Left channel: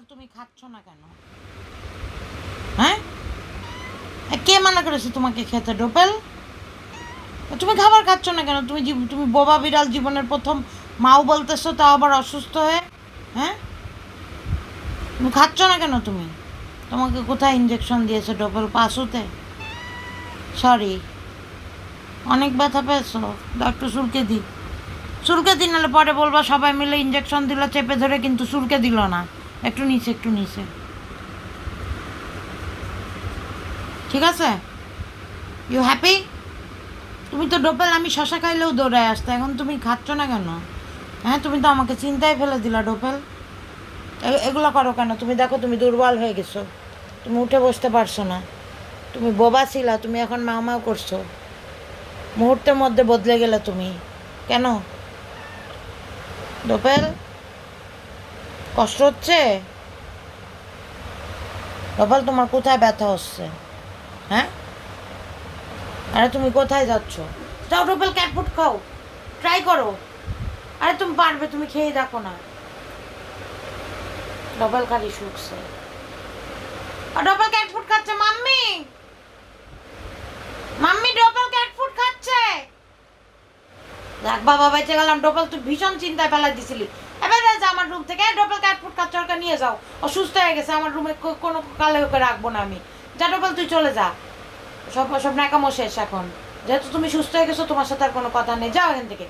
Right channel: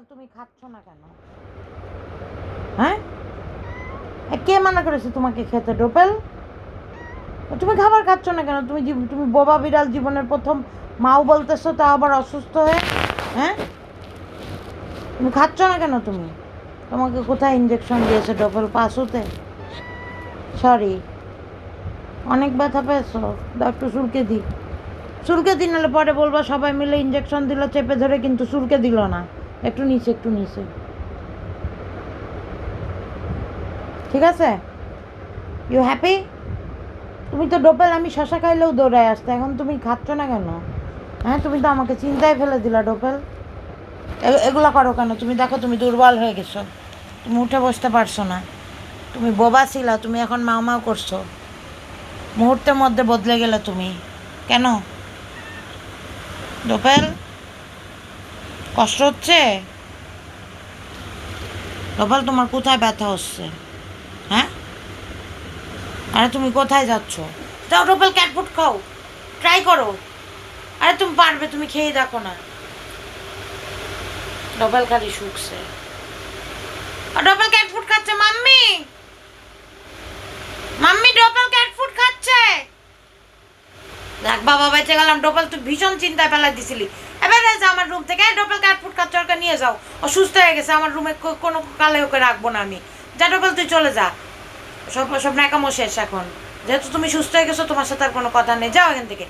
ডোপাল তুমি খাচ্ছ না কেন? হ্যাঁ, কে মানা করেছে তোমাকে খেতে ডোপাল? তুমি খাবার খাচ্ছ না কেন? তুমি বোবা বিড়াল জীবনের প্রথম মাও বলতেছো, তা আবার অসুস্থ হয়ে। হ্যাঁ, তুমি খাচ্ছ না কেন? তোমাকে কোথায় ইঞ্জেকশন দিয়েছে ডোপাল? পাশুতে? সরি, অনেক ব্যথা পেয়েছো? একটু চুলকে দিই, নাহলে পরে বলবা সবাই মিলে ইঞ্জেকশন দিল চেপে ধরে, কিন্তু চুলকে দিল না। একটু নিচে। ঠিক আছে? You happy? তুমি তো ডোপাল, আমি শশা খাইলেও দৌড়ায় আসতে, এখন তুমি খাচ্ছ না কেন? হ্যাঁ, তুমি তো আমাকে চিন্তায় ফেলে দিলা ডোপাল। এগুলো করো কেন? তুমি দেখো তুমি দুর্বল হয়ে গেছো, তুমি উঠে বসতে পারছো না, তুমি বোবা ছিলা, তুমি এখন মাও করছো, মুহূর্তের মধ্যে বদলে গেলে তুমি। কেন ডোপাল? কষ্ট হচ্ছে? ডোপাল, তোমার কোথায় ব্যথা হচ্ছে? হ্যাঁ, আরে তুমি কোথায় যাচ্ছ? যাও ডোপাল, ক্যাট ফুড খাও, ট্রাই করো। আরে তুমি পারবে, তুমি খেয়ে দেখো না। ডবল খালি শুকছে, আর ডবল ক্যাট ফুড খাচ্ছে। Mummy, mummy double cat food খাচ্ছে। দেখ বাবা, বেঁচে গেলাম। ডবল তুই ভীষণ চিন্তায় ফেলা দিছিলি। এবার যা আমার রুম থেকে। ডবল ক্যাট ফুড খাচ্ছে, ওকে নিয়ে যাও। অসুস্থ হয়ে গেছে, আমার রুমে কোনো কালে ওকে রাখবো না আমি। যা ডবল, তুই চলে যা। সব ন্যাকামো শেষ এখন, যেহেতু তুমি সুস্থ হয়ে গেছো, তোমার সাথে আর কোনো কথা নেই, যাও এখান থেকে।